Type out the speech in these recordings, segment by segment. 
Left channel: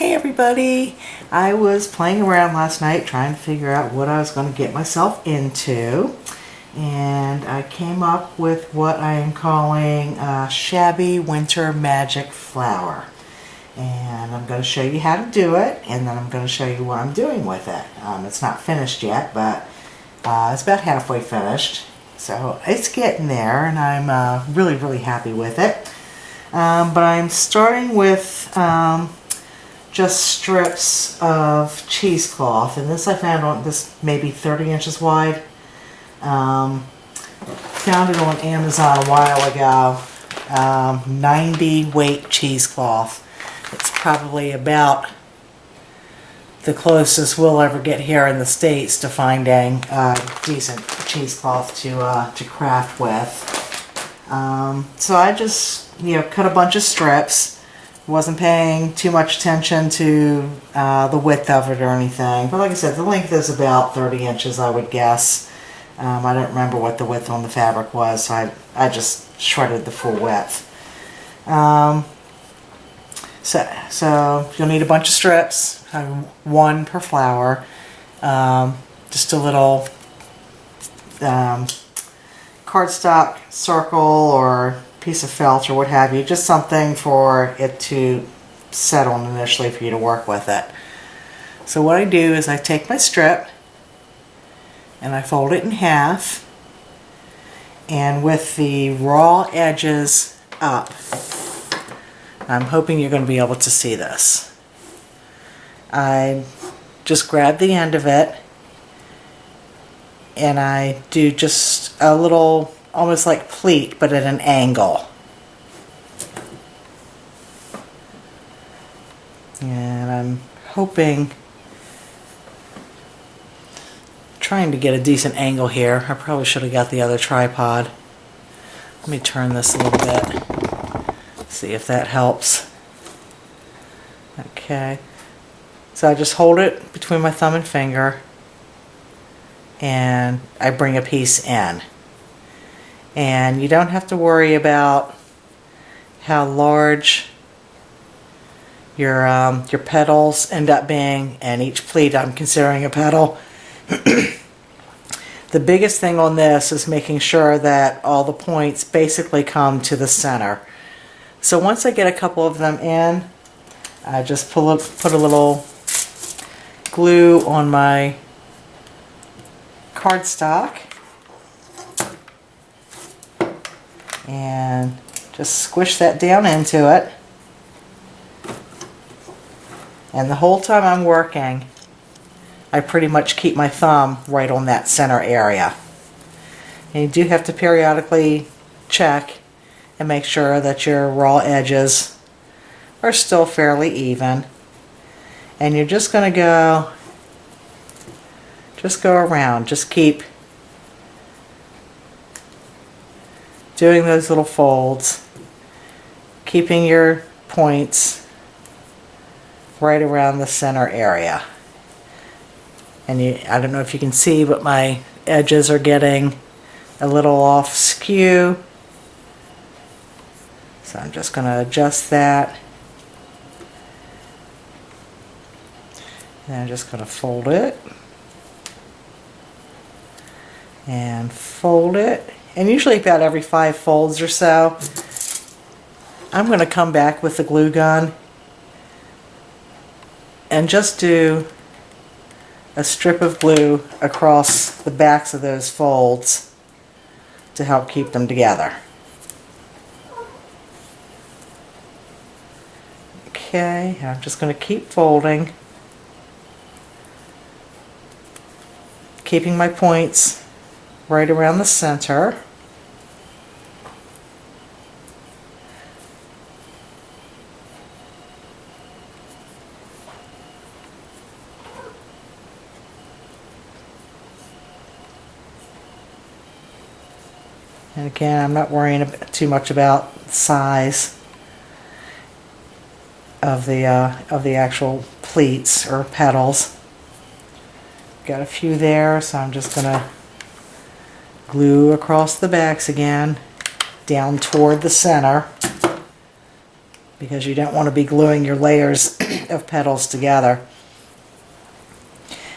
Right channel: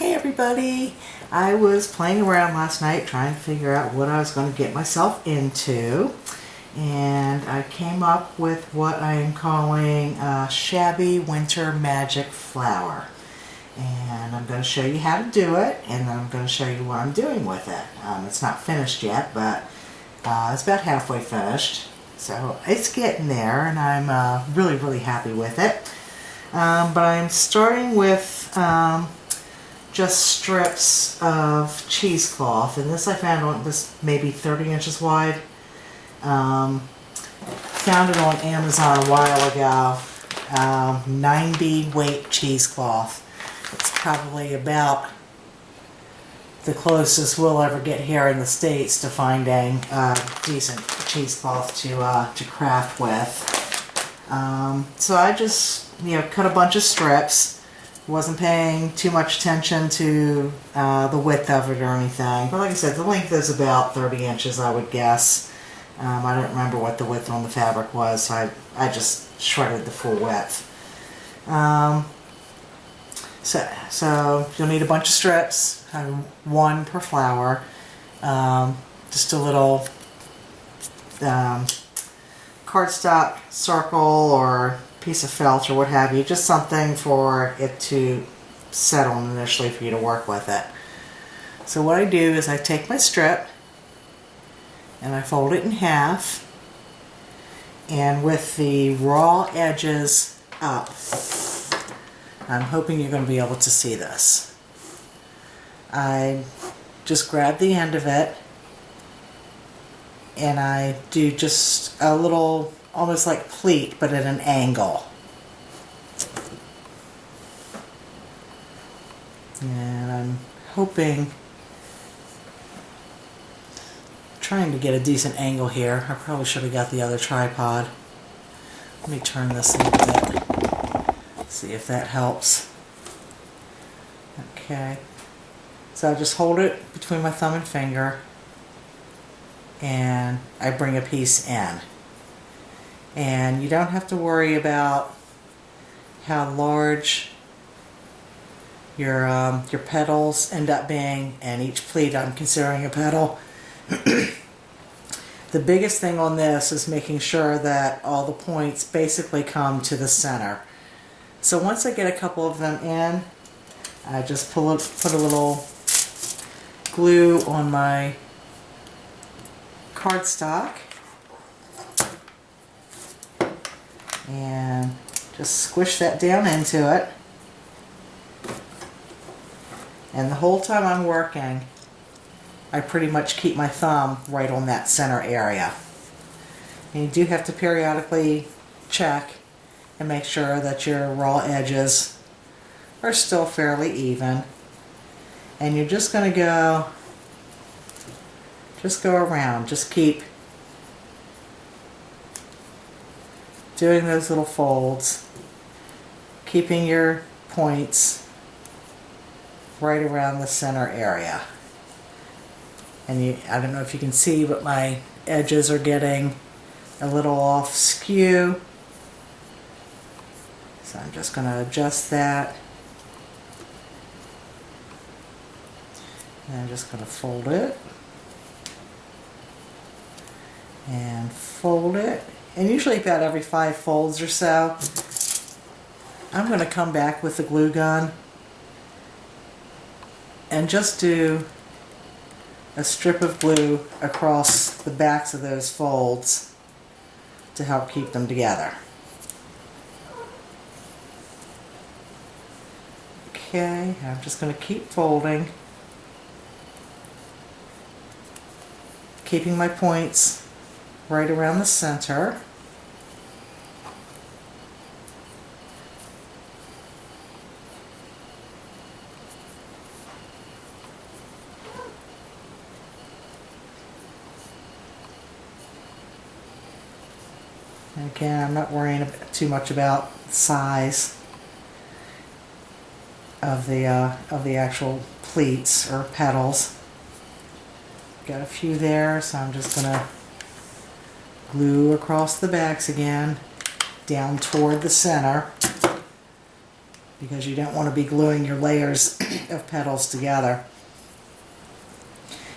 Hey everybody! I was playing around last night trying to figure out what I was going to get myself into, and I came up with what I am calling a Shabby Winter Magic Flower. And I'm going to show you how to do it, and then I'm going to show you what I'm doing with it. It's not finished yet, but it's about halfway finished. So it's getting there, and I'm really happy with it. But I'm starting with just strips of cheesecloth, and this I found on this maybe 30 inches wide. Found it on Amazon a while ago. 90 weight cheesecloth. It's probably about the closest we'll ever get here in the States to finding decent cheesecloth to craft with. So I just cut a bunch of strips. Wasn't paying too much attention to the width of it or anything, but like I said, the length is about 30 inches, I would guess. I don't remember what the width on the fabric was, so I just shredded the full width. So you'll need a bunch of strips, one per flower, just a little cardstock circle or piece of felt or what have you, just something for it to set on initially for you to work with it. So what I do is I take my strip and I fold it in half, and with the raw edges up, I'm hoping you're going to be able to see this. I just grab the end of it and I do just a little, almost like pleat, but at an angle. And I'm trying to get a decent angle here. I probably should have got the other tripod. Let me turn this a little bit. See if that helps. Okay. So I just hold it between my thumb and finger and I bring a piece in. And you don't have to worry about how large your petals end up being, and each pleat I'm considering a petal. The biggest thing on this is making sure that all the points basically come to the center. So once I get a couple of them in, I just put a little glue on my cardstock and just squish that down into it. And the whole time I'm working, I pretty much keep my thumb right on that center area. And you do have to periodically check and make sure that your raw edges are still fairly even. And you're just going to go around. Just keep doing those little folds, keeping your points right around the center area. And I don't know if you can see, but my edges are getting a little off skew. So I'm just going to adjust that. And I'm just going to fold it. And fold it. And usually about every 5 folds or so, I'm going to come back with the glue gun and just do a strip of glue across the backs of those folds to help keep them together. Okay, I'm just going to keep folding, keeping my points right around the center. And again, I'm not worrying too much about the size of the actual pleats or petals. Got a few there, so I'm just gonna glue across the backs again, down toward the center. because you don't want to be gluing your layers of petals together.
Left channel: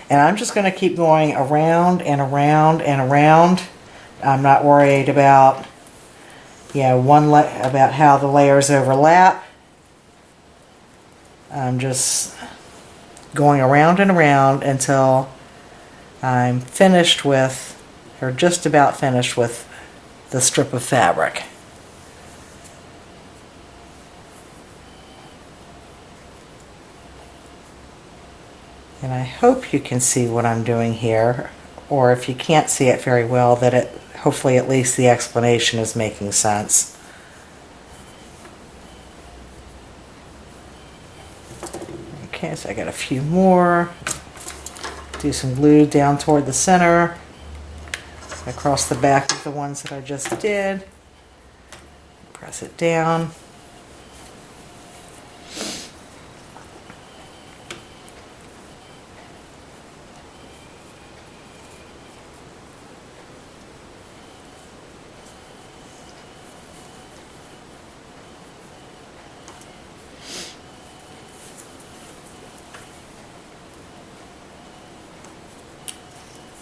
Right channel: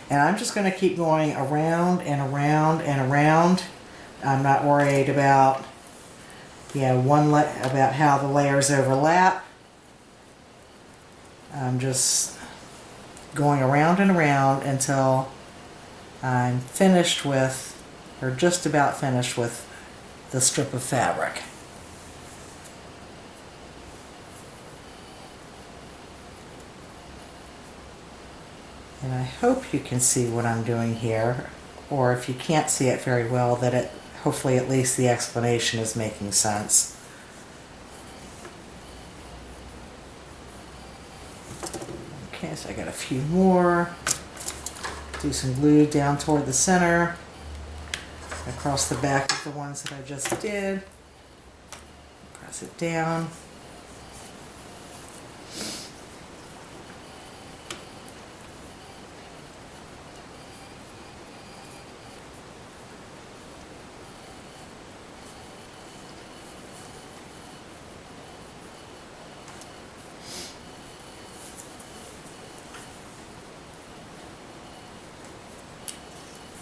And I'm just going to keep going around and around and around. I'm not worried about, about how the layers overlap. I'm just going around and around until I'm finished with, or just about finished with, the strip of fabric. And I hope you can see what I'm doing here, or if you can't see it very well, that it, hopefully at least the explanation is making sense. Okay, so I got a few more. Do some glue down toward the center, across the back of the ones that I just did. Press it down.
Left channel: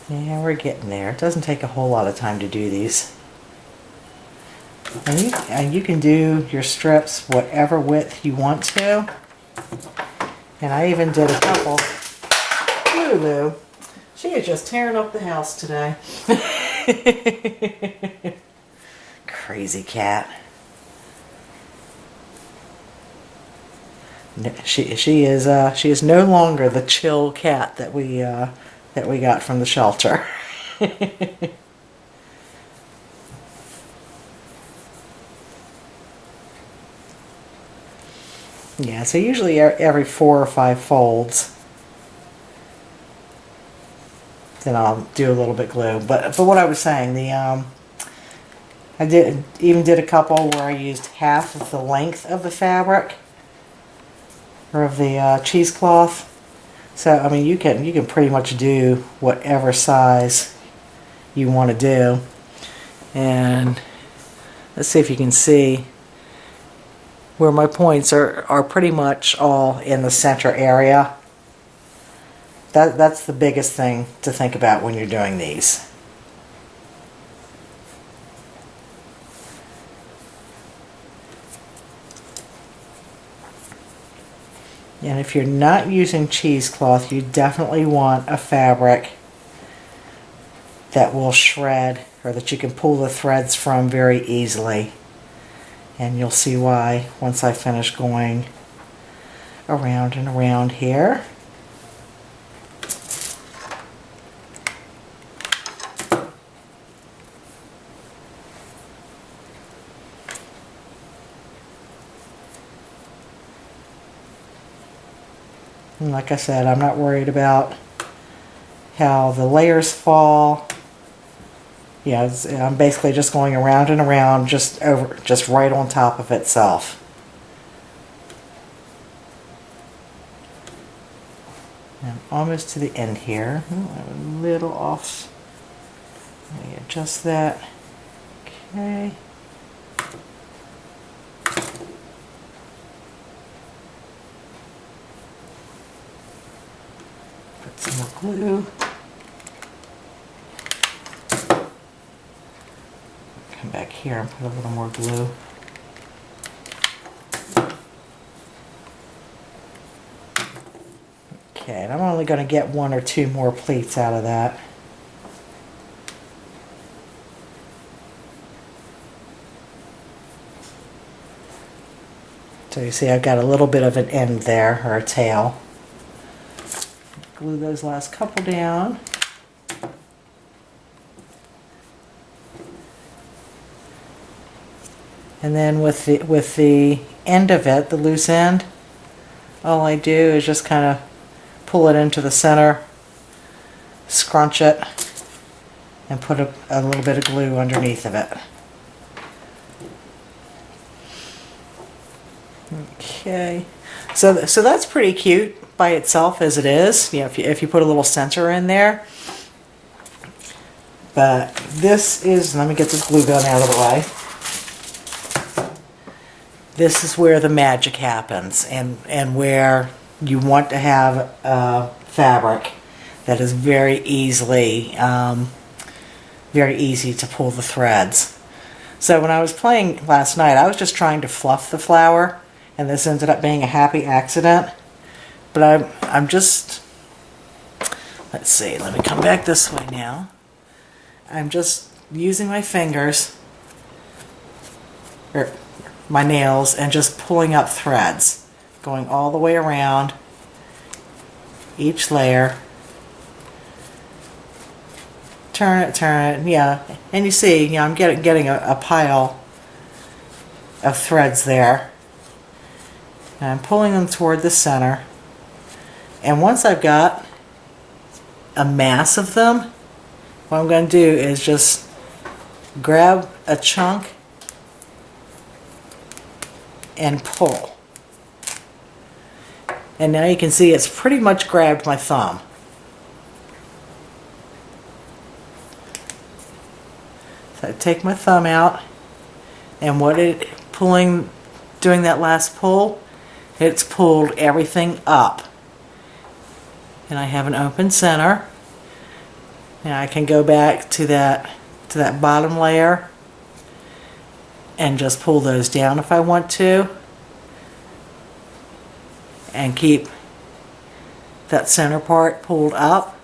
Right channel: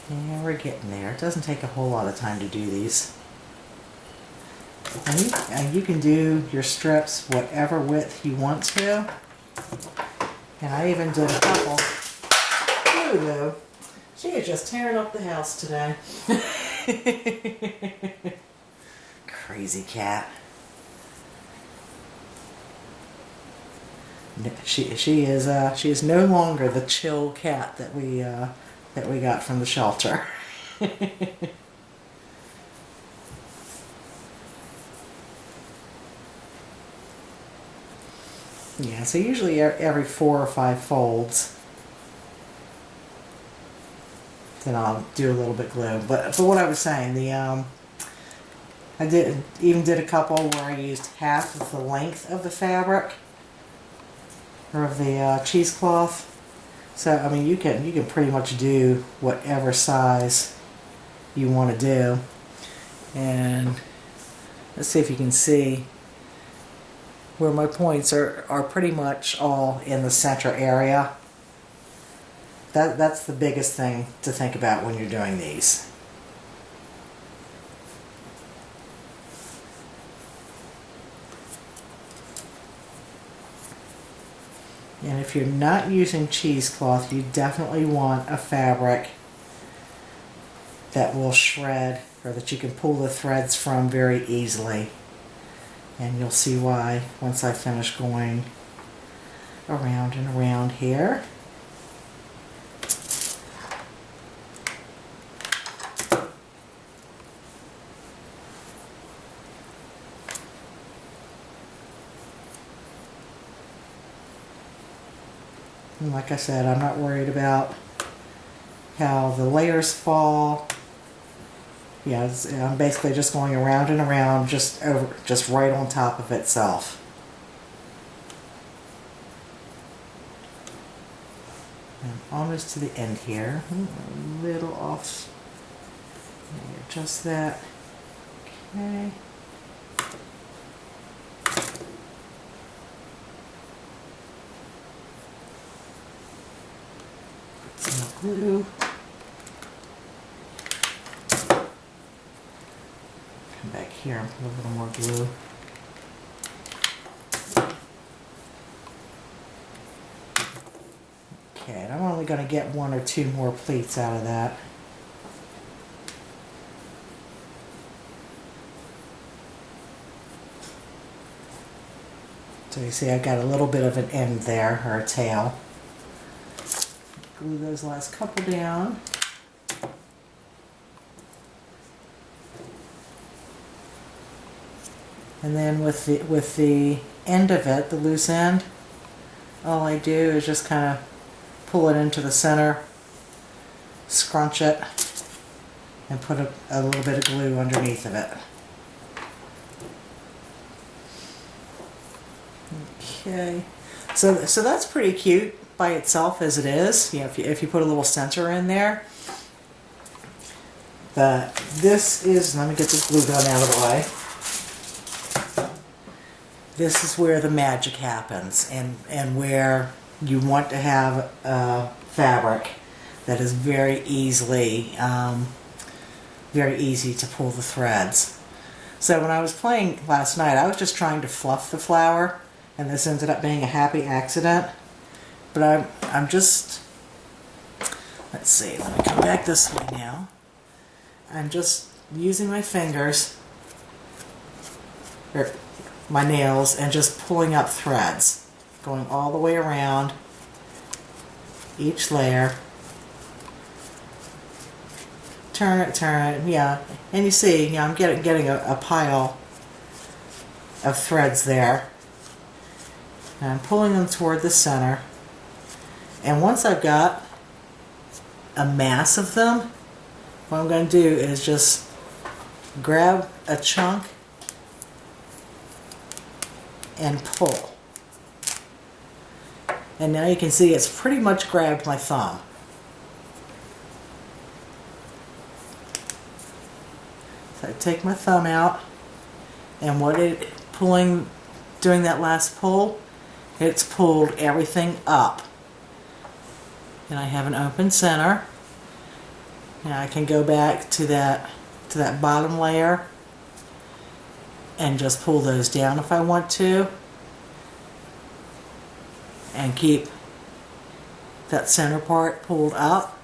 Yeah, we're getting there. It doesn't take a whole lot of time to do these. And you can do your strips whatever width you want to. And I even did a couple. Lulu, she is just tearing up the house today. Crazy cat. She is no longer the chill cat that we got from the shelter. Yeah, so usually every 4 or 5 folds, then I'll do a little bit glue. But what I was saying, I did a couple where I used half of the length of the fabric, or of the cheesecloth. So I mean, you can pretty much do whatever size you want to do. And let's see if you can see where my points are pretty much all in the center area. That's the biggest thing to think about when you're doing these. And if you're not using cheesecloth, you definitely want a fabric that will shred, or that you can pull the threads from very easily. And you'll see why once I finish going around and around here. And like I said, I'm not worried about how the layers fall. Yeah, I'm basically just going around and around, just right on top of itself. And almost to the end here. A little off. Let me adjust that. Okay. Put some more glue. Come back here and put a little more glue. Okay, and I'm only going to get 1 or 2 more pleats out of that. So you see I've got a little bit of an end there, or a tail. Glue those last couple down. And then with the end of it, the loose end, all I do is just kind of pull it into the center, scrunch it, and put a little bit of glue underneath of it. Okay, so that's pretty cute by itself as it is. You know, if you put a little center in there. But this is, let me get this glue gun out of the way. this is where the magic happens, and where you want to have a fabric that is very easy to pull the threads. So when I was playing last night, I was just trying to fluff the flower, and this ended up being a happy accident. But I'm just, let's see, let me come back this way now. I'm just using my fingers, or my nails, and just pulling up threads, going all the way around each layer. Turn it, yeah. And you see, you know, I'm getting a pile of threads there. And I'm pulling them toward the center. And once I've got a mass of them, what I'm going to do is just grab a chunk and pull. And now you can see it's pretty much grabbed my thumb. So I take my thumb out, and doing that last pull, it's pulled everything up. And I have an open center. Now I can go back to that bottom layer and just pull those down if I want to, and keep that center part pulled up.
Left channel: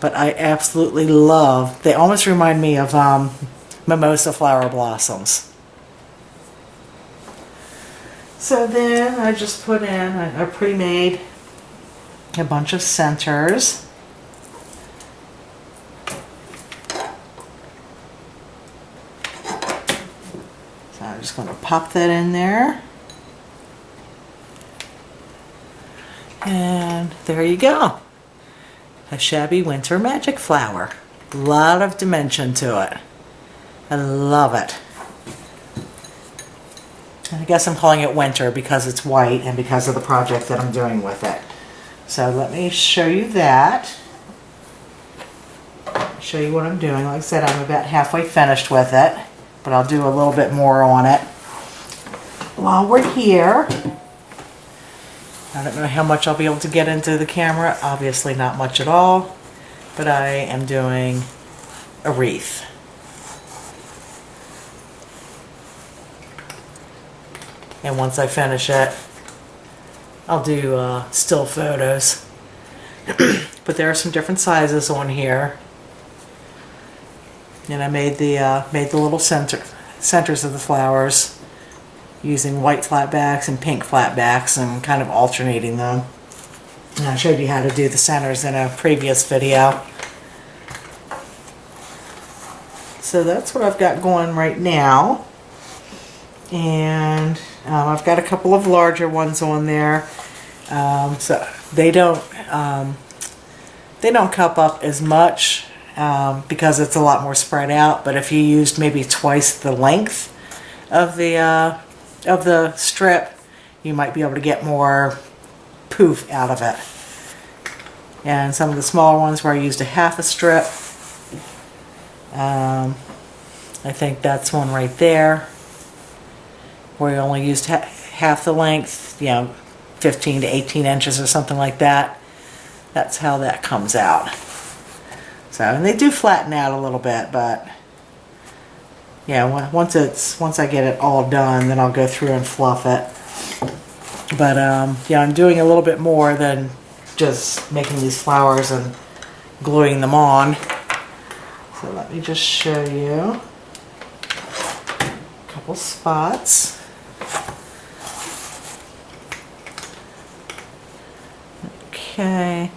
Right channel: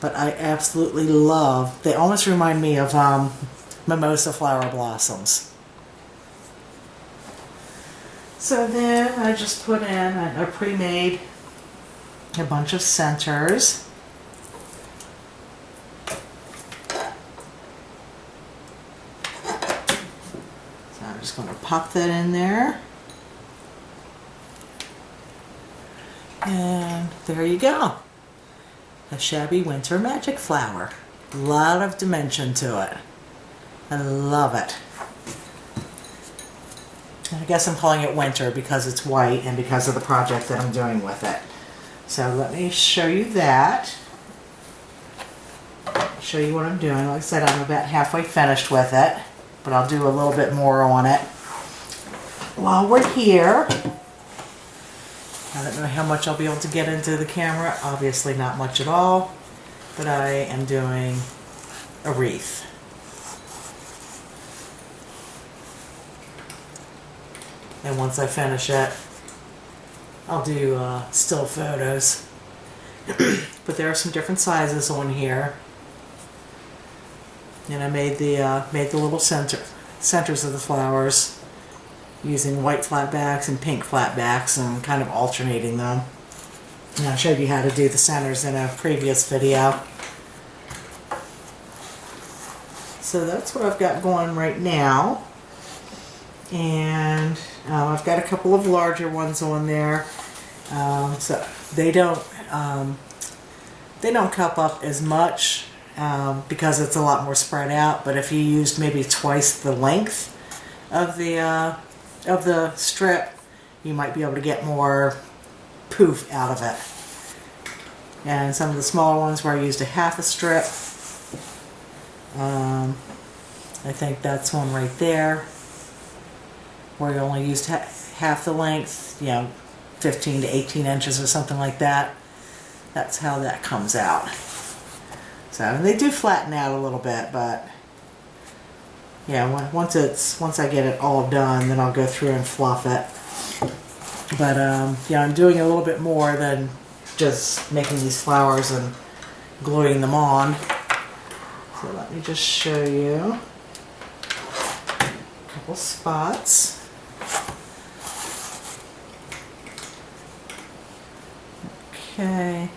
But I absolutely love, they almost remind me of mimosa flower blossoms. So then I just put in, I pre-made a bunch of centers. So I'm just going to pop that in there. And there you go. A Shabby winter magic flower. A lot of dimension to it. I love it. And I guess I'm calling it winter because it's white and because of the project that I'm doing with it. So let me show you that. Show you what I'm doing. Like I said, I'm about halfway finished with it, but I'll do a little bit more on it. While we're here, I don't know how much I'll be able to get into the camera. Obviously not much at all, but I am doing a wreath. And once I finish it, I'll do still photos. But there are some different sizes on here. And I made the little centers of the flowers using white flatbacks and pink flatbacks and kind of alternating them. And I showed you how to do the centers in a previous video. So that's what I've got going right now. And I've got a couple of larger ones on there. So they don't cup up as much because it's a lot more spread out. But if you used maybe twice the length of the strip, you might be able to get more poof out of it. And some of the smaller ones where I used a half a strip, I think that's one right there, where you only used half the length, you know, 15 to 18 inches or something like that. That's how that comes out. So, and they do flatten out a little bit, but yeah, once I get it all done, then I'll go through and fluff it. But yeah, I'm doing a little bit more than just making these flowers and gluing them on. So let me just show you a couple spots. Okay.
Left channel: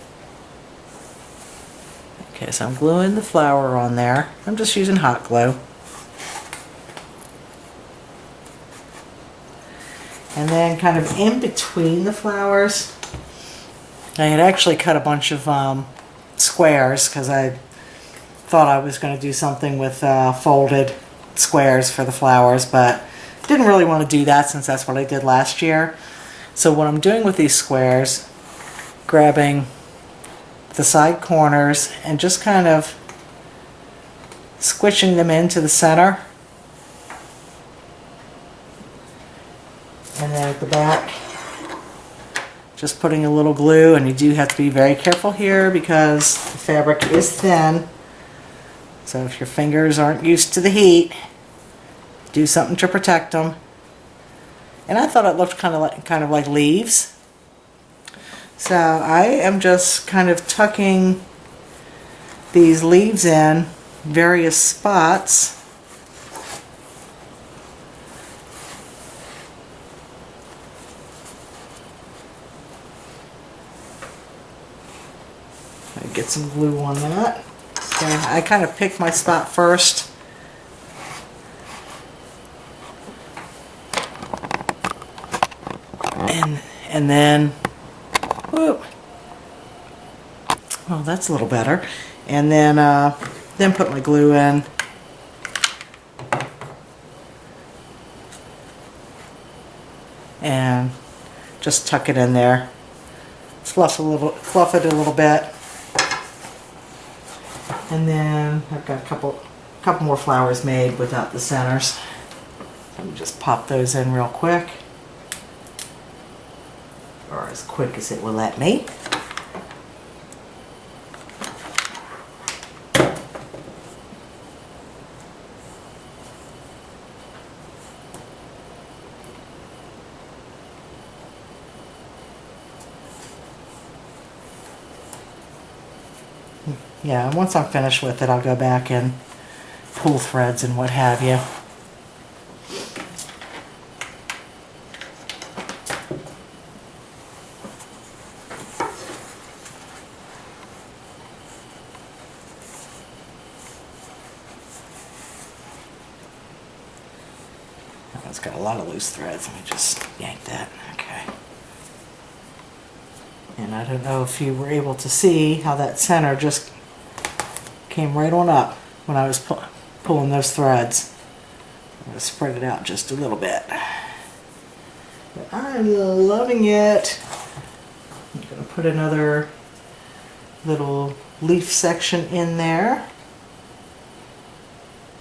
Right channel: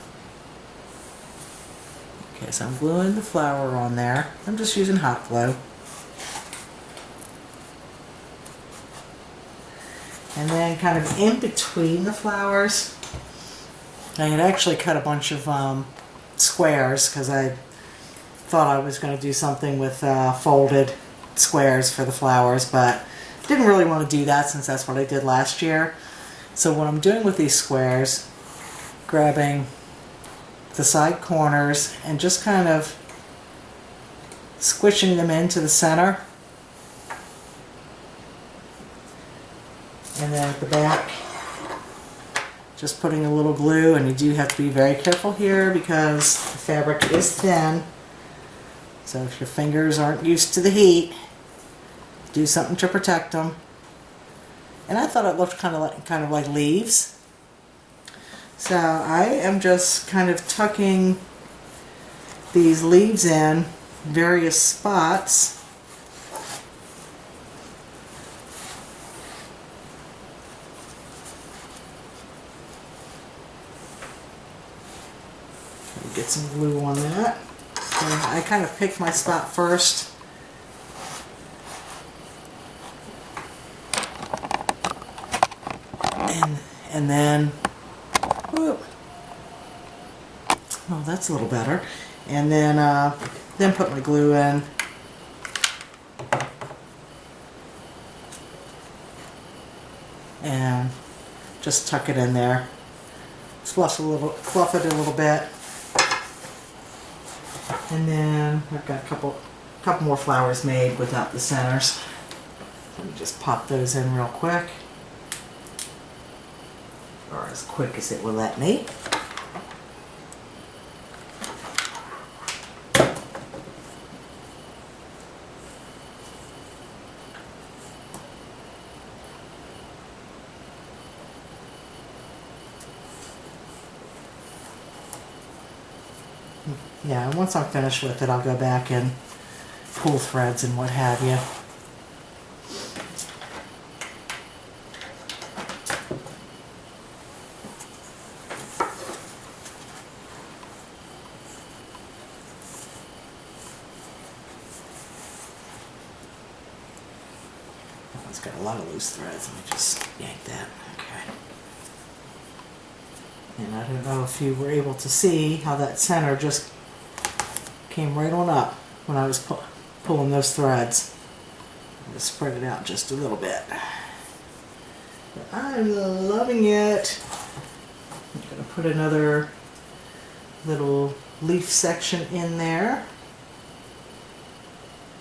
Okay, so I'm gluing the flower on there. I'm just using hot glue. And then kind of in between the flowers, I had actually cut a bunch of squares because I thought I was going to do something with folded squares for the flowers, but didn't really want to do that since that's what I did last year. So what I'm doing with these squares, grabbing the side corners and just kind of squishing them into the center. And then at the back, just putting a little glue, and you do have to be very careful here because the fabric is thin. So if your fingers aren't used to the heat, do something to protect them. And I thought it looked kind of like leaves. So I am just kind of tucking these leaves in various spots. Get some glue on that. And I kind of picked my spot first. And then, whoop. Oh, that's a little better. And then put my glue in. And just tuck it in there. Fluff it a little bit. And then I've got a couple more flowers made without the centers. Let me just pop those in real quick. Or as quick as it will let me. Yeah, and once I'm finished with it, I'll go back and pull threads and what have you. That one's got a lot of loose threads. Let me just yank that. Okay. And I don't know if you were able to see how that center just came right on up when I was pulling those threads. I'm going to spread it out just a little bit. But I'm loving it. I'm going to put another little leaf section in there.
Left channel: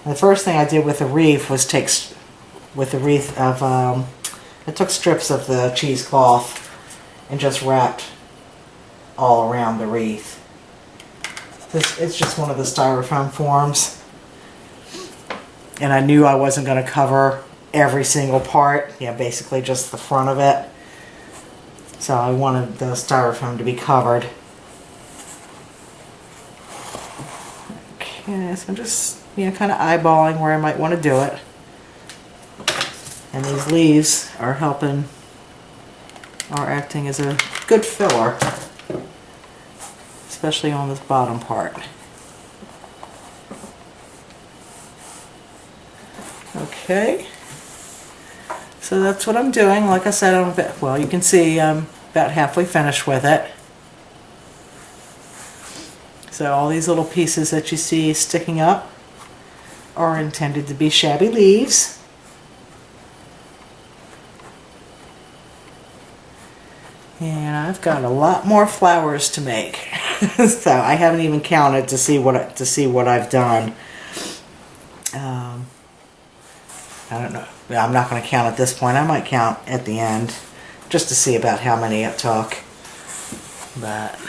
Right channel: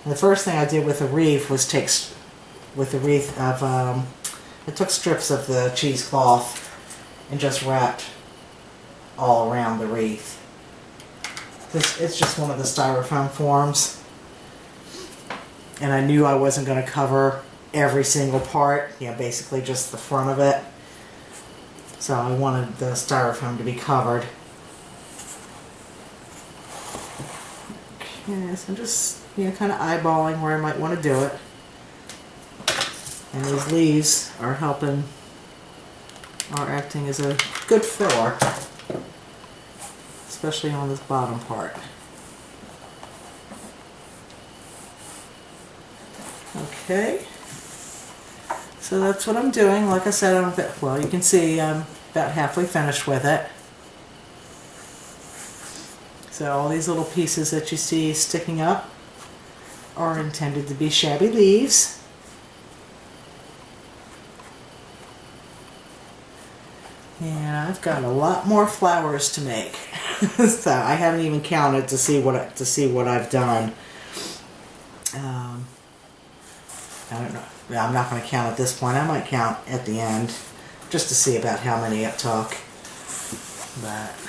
And the first thing I did with the wreath was I took strips of the cheesecloth and just wrapped all around the wreath. It's just one of the styrofoam forms. And I knew I wasn't going to cover every single part. Yeah, basically just the front of it. So I wanted the styrofoam to be covered. Okay, so I'm just kind of eyeballing where I might want to do it. And these leaves are acting as a good filler. Especially on this bottom part. Okay, so that's what I'm doing. Like I said, you can see I'm about halfway finished with it. So all these little pieces that you see sticking up are intended to be shabby leaves. And I've got a lot more flowers to make. So I haven't even counted to see what I've done. I don't know. I'm not going to count at this point. I might count at the end just to see about how many it took. But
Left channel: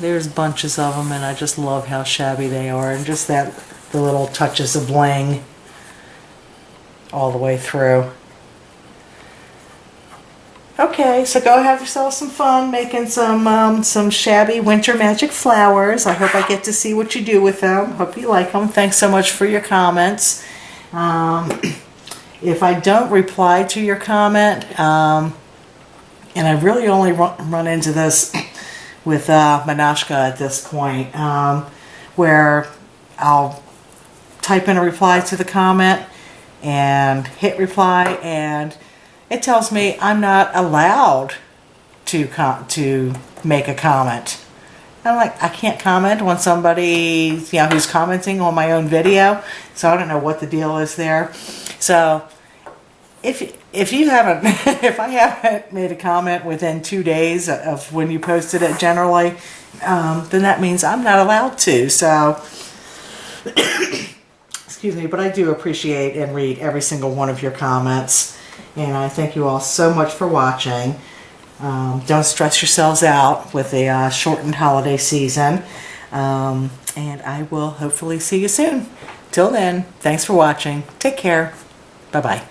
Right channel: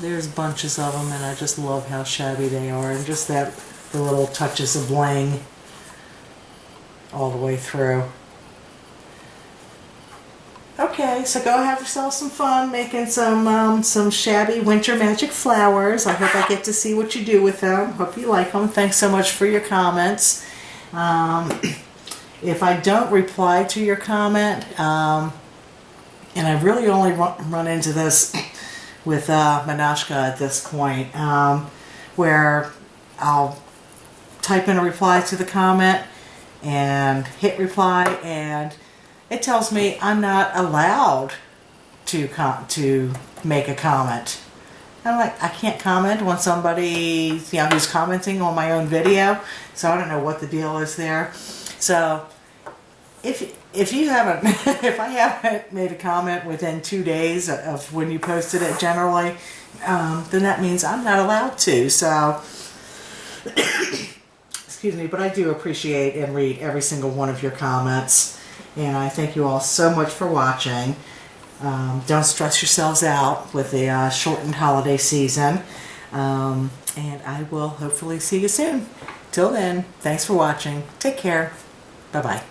there's bunches of them, and I just love how shabby they are, and just the little touches of bling all the way through. Okay, so go have yourself some fun making some shabby winter magic flowers. I hope I get to see what you do with them. Hope you like them. Thanks so much for your comments. If I don't reply to your comment, and I really only run into this with Manashka at this point, where I'll type in a reply to the comment and hit reply, and it tells me I'm not allowed to make a comment. I'm like, I can't comment when somebody, who's commenting on my own video. So I don't know what the deal is there. So if you haven't, if I haven't made a comment within 2 days of when you posted it generally, then that means I'm not allowed to. So, excuse me, but I do appreciate and read every single one of your comments. And I thank you all so much for watching. Don't stress yourselves out with the shortened holiday season. And I will hopefully see you soon. Till then, thanks for watching. Take care. Bye-bye.